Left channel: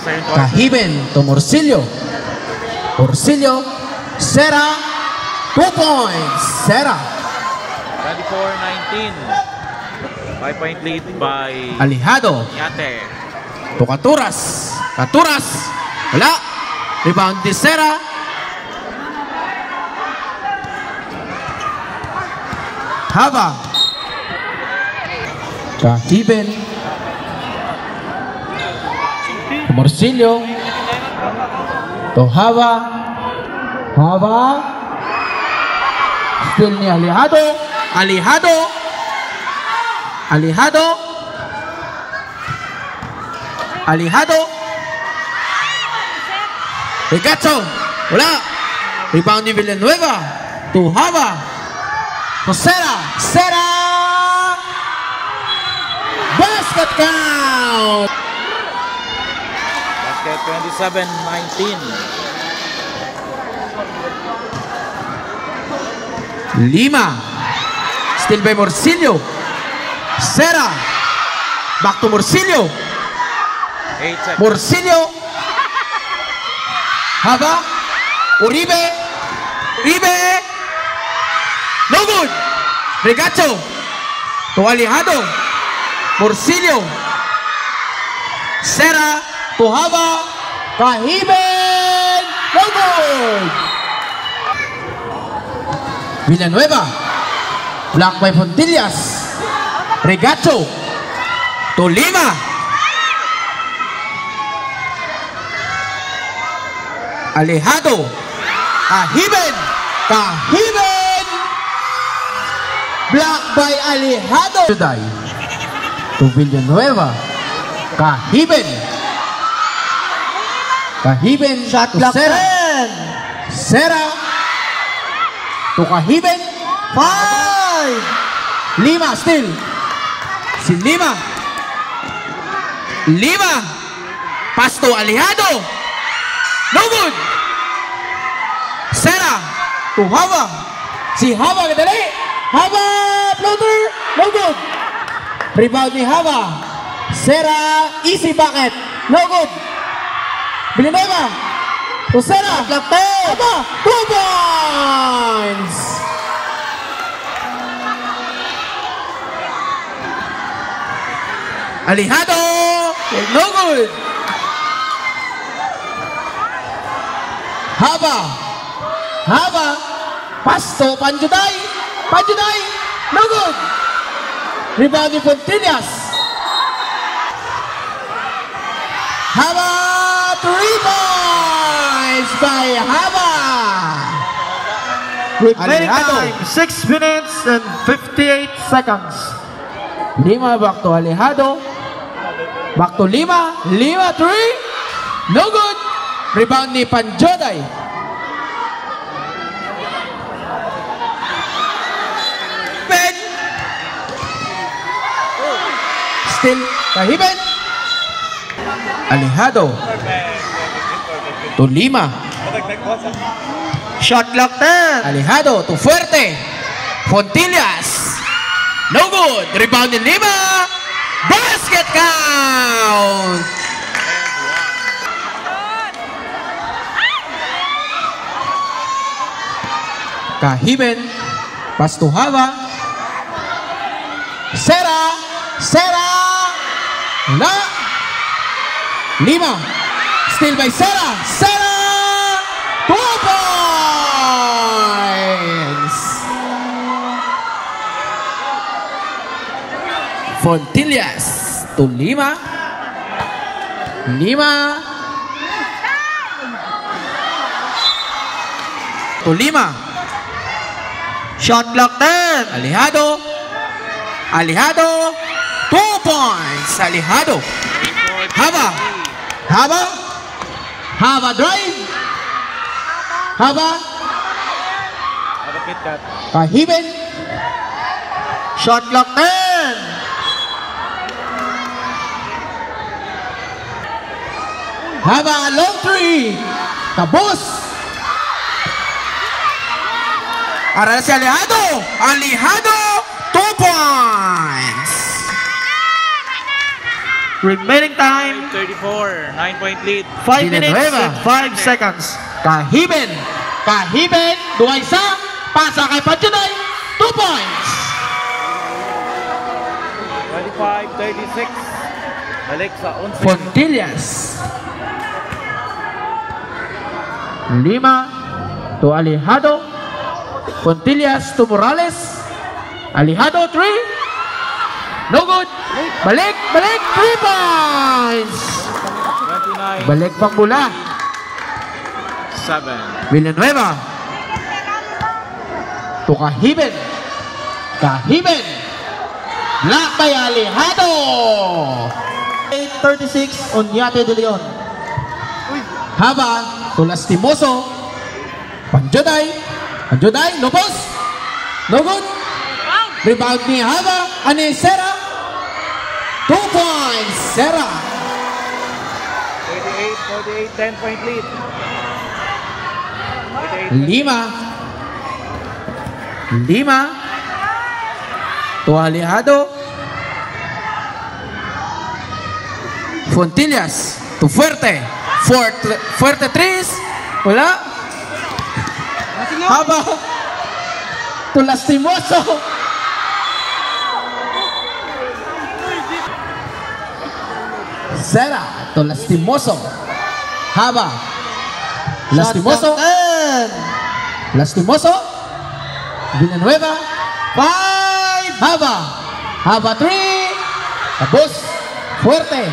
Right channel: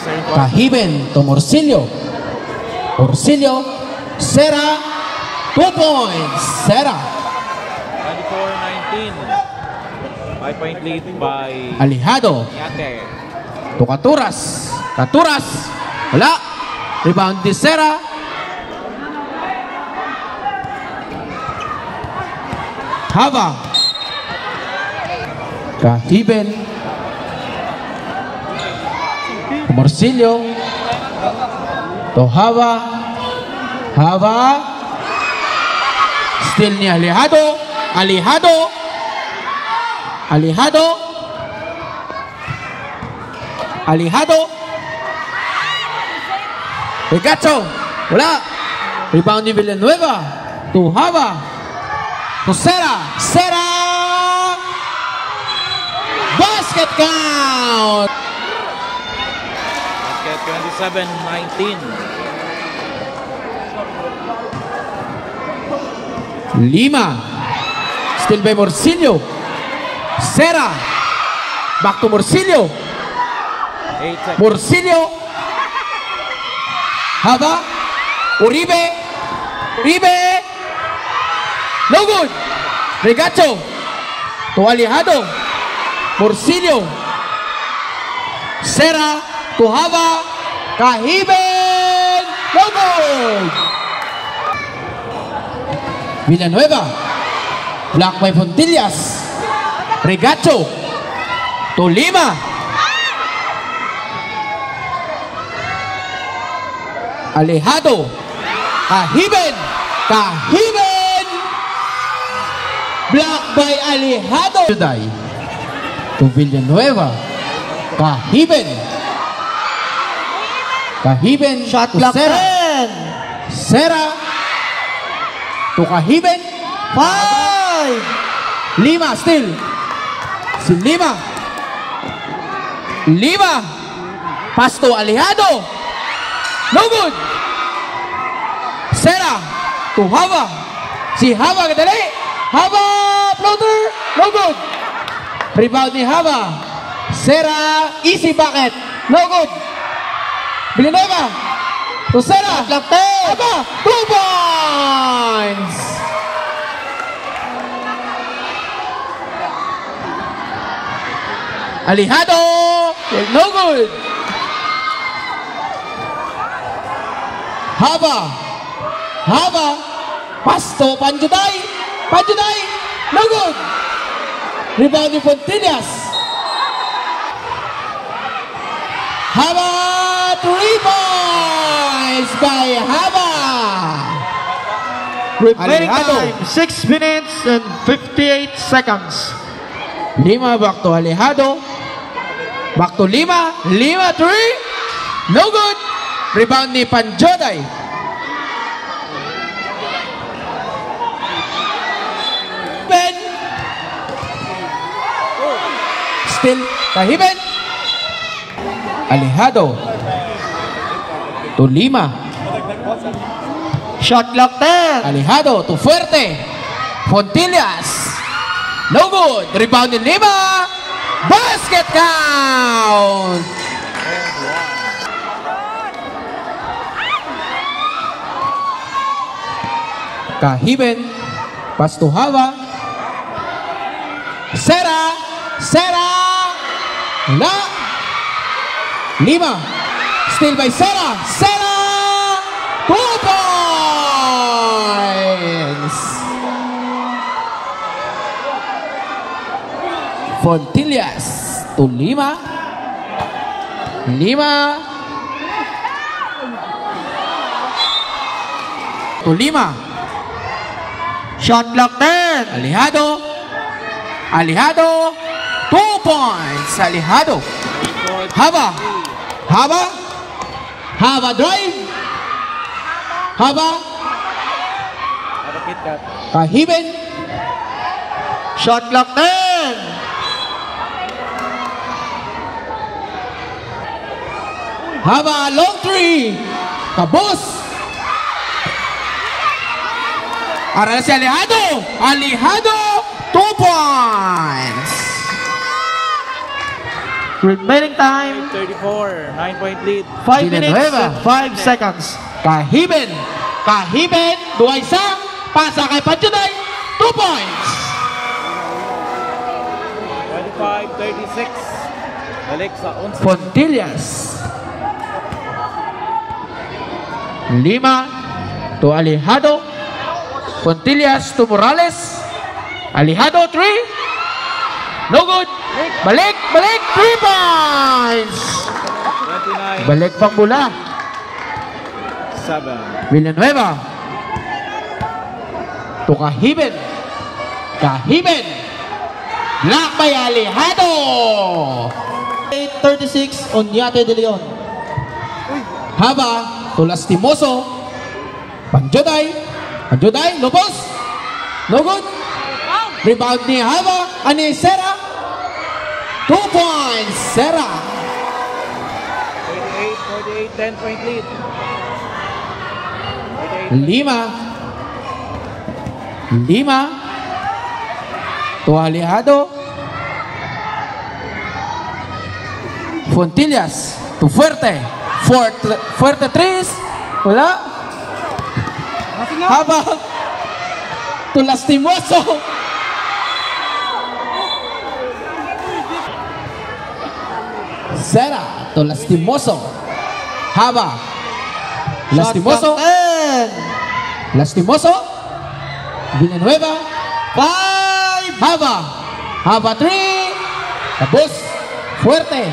second quarter. Kahiben to Morcillo. Morcillo, Sera, 2 points. Sera. 24-19. 5-point lead by Alejado Yate. to Caturas. Caturas. Wala. Rebound ni Sera. Hava. Kahiben. Morcillo. To Hava. Hava. Still ni Alejado. Alejado. Alejado. Alejado. Ricacho. Wala. Rebound ni Villanueva. To Hava. To Sera. Sera. Basket count. Basket 27-19. Lima. Still by Morcillo. Sera. Back to Morcillo. 8 seconds. Morcillo. Hava. Uribe. Uribe. No good. Regacho. To Alejado. Morcillo. Sera. To Hava. Kahiben. No good. Villanueva. Block by Fontillas. Regacho. To Lima. Alejado. Kahiben. Kahiben. Block by Alejado. Juday. To Villanueva. Kahiben. Kahiben. Shot to clock Sera. 10. Sera. To Kahiben. 5. Lima still. Si Lima. Lima. Pass to Alejado. No good. Sera. To Hava. Si Hava kadali. Hava. Floater. No good. Rebound ni Hava. Sera. Easy bucket. No good. Villanueva. To Sera. Hava. 2 points. Alejado. No good. Hava. Hava. Pasto. Panjuday. Panjuday. No good. Rebound ni Fontillas. Hava. 3 points by Hava. Remaining Alejado. time 6 minutes and 58 seconds. Lima back to Alejado. Back to Lima. Lima 3. No good. Rebound ni Panjoday. Ben. Still Kahiben. Alejado. To Lima. Shot clock 10. Alejado to Fuerte. Fontillas. No good. Rebound ni Lima. Basket count. Kahiben. Pass to Hava. Sera. Sera. La. Lima. Still by Sera. Sera. 2 points. Fontillas to Lima. Lima. To Lima. Shot clock 10. Alejado. Alejado. 2 points. Alejado. Hava. Hava. Hava drive. Hava. Kahiben. Shot clock 10. Hava long 3. Kabus. Aral si Alejado. Alejado. 2 points. Remaining time, 34, 9-point lead. 5 minutes Villanueva. and 5 seconds. Kahiben. Kahiben. 2-1. Pasa kay Panjuday. 2 points. 35-36. Balik sa 11. Fontillas. 5 to Alejado. Fontillas to Morales. Alejado 3. No good. Balik. 3 points. 29-7. Balik pang mula. Villanueva. To Kahiben. Kahiben. Block by Alejado. 8:36 Oñate de Leon. Haba to Lastimoso. Panjuday. Lopos. No good. Rebound ni Haba. Ani Sera. 2 points. Sera. 38-48, 10-point lead. 5 to Alejado. Fontillas to Fuerte. Fuerte 3. Wala. Haba to Lastimoso. Sera to Lastimoso. Haba. Lastimoso. Lastimoso. Villanueva. 5. Haba 3. Tapos. Fuerte.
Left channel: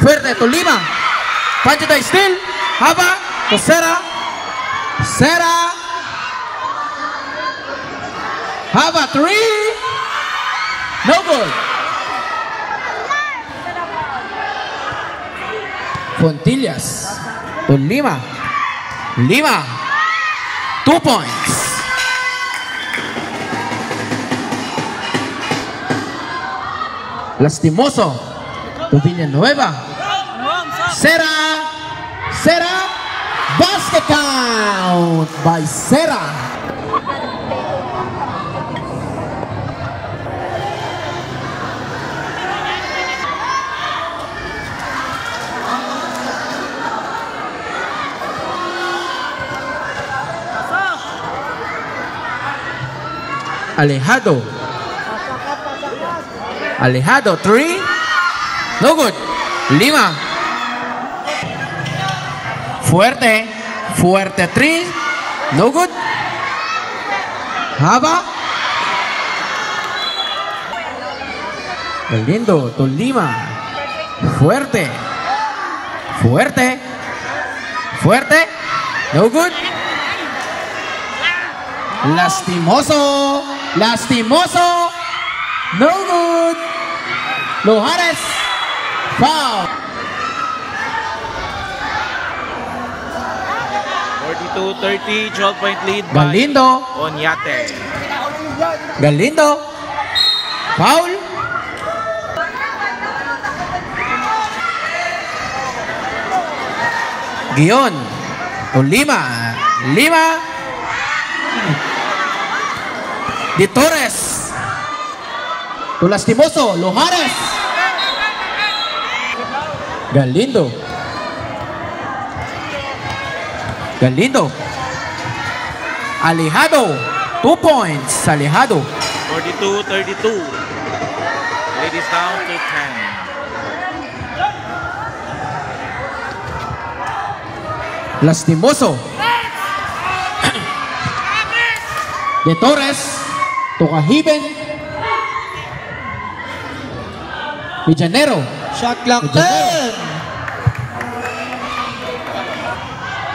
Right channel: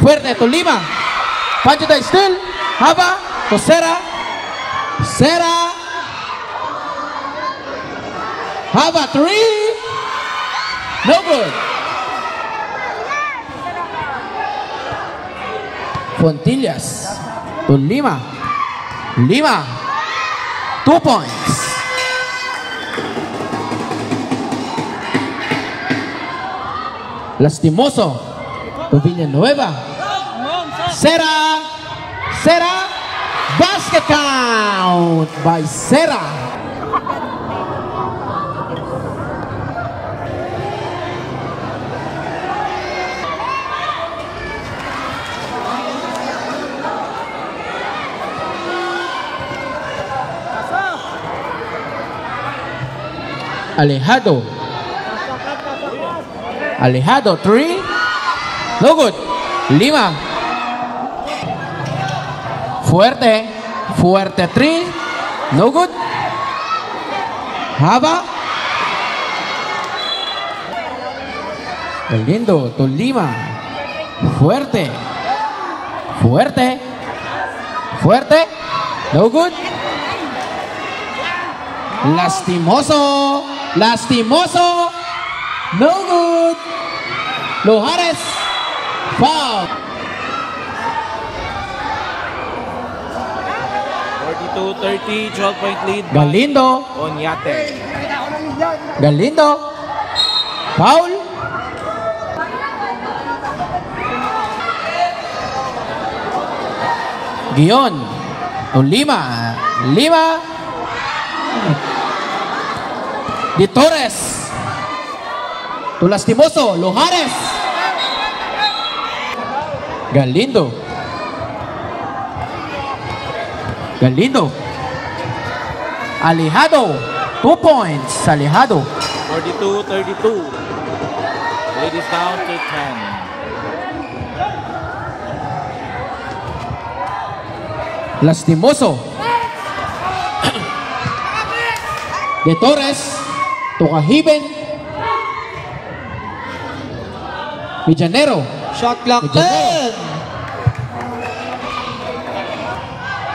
Fuerte to 5. Panjuday still. Haba to Sera. Haba 3. No good. Fontillas to 5. 2 points. Lastimoso to Villanueva. Sera. Basket count by Sera. Alejado 3. No good. 5. Fuerte 3. No good. Haba. Galindo to 5. Fuerte. No good. Lastimoso. No good. Lohares. Foul. 42-30, 12-point lead by Galindo. Oñate. Foul. Guion. To 5. Di Torres. To Lastimoso. Lohares. Galindo. Alejado. 2 points. Alejado. 42-32. Lead is down to 10. Lastimoso. De Torres. To Kahiben. Villanero. Shot clock Medianero.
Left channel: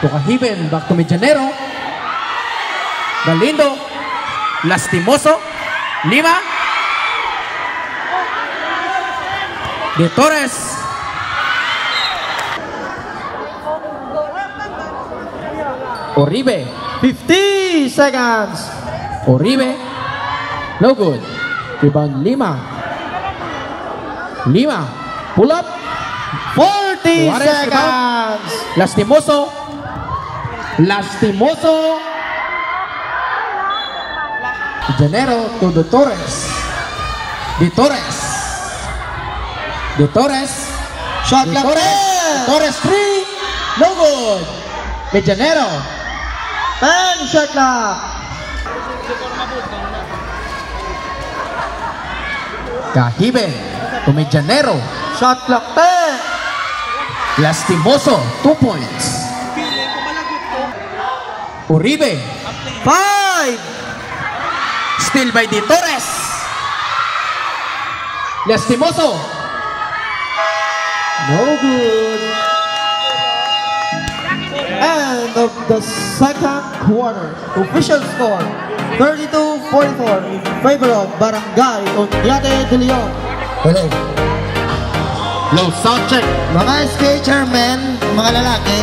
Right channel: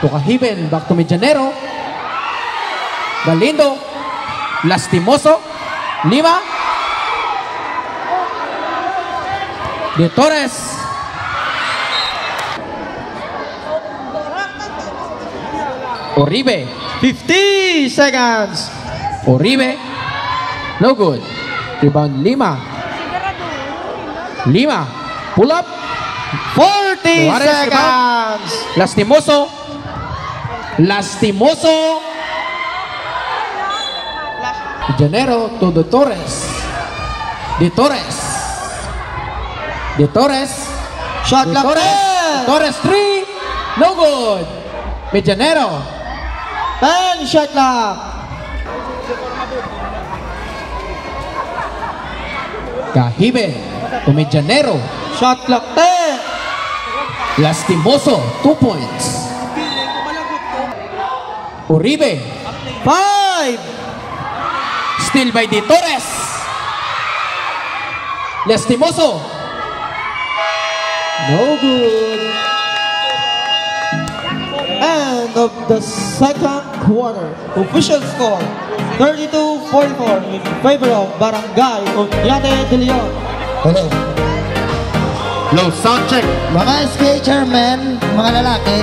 10. To Kahiben. Back to Medianero. Galindo. Lastimoso. 5. De Torres. Oribe. 50 seconds. Oribe. No good. Rebound 5. Pull up. 40 Juarez, seconds. Lastimoso. Janero to De Torres. De Torres. De Torres. Shot De clock Torres. 10. Torres 3. No good. Medianero. 10 shot clock. Cahibe to Medianero. Shot clock 10. Lastimoso, 2 points. Uribe. 5. Still by De Torres. Lastimoso. No good. End of the second quarter. Official score 32-44 in favor of Barangay Unyate de Leon. Hello. Low sound check. Mga skater men, mga lalaki,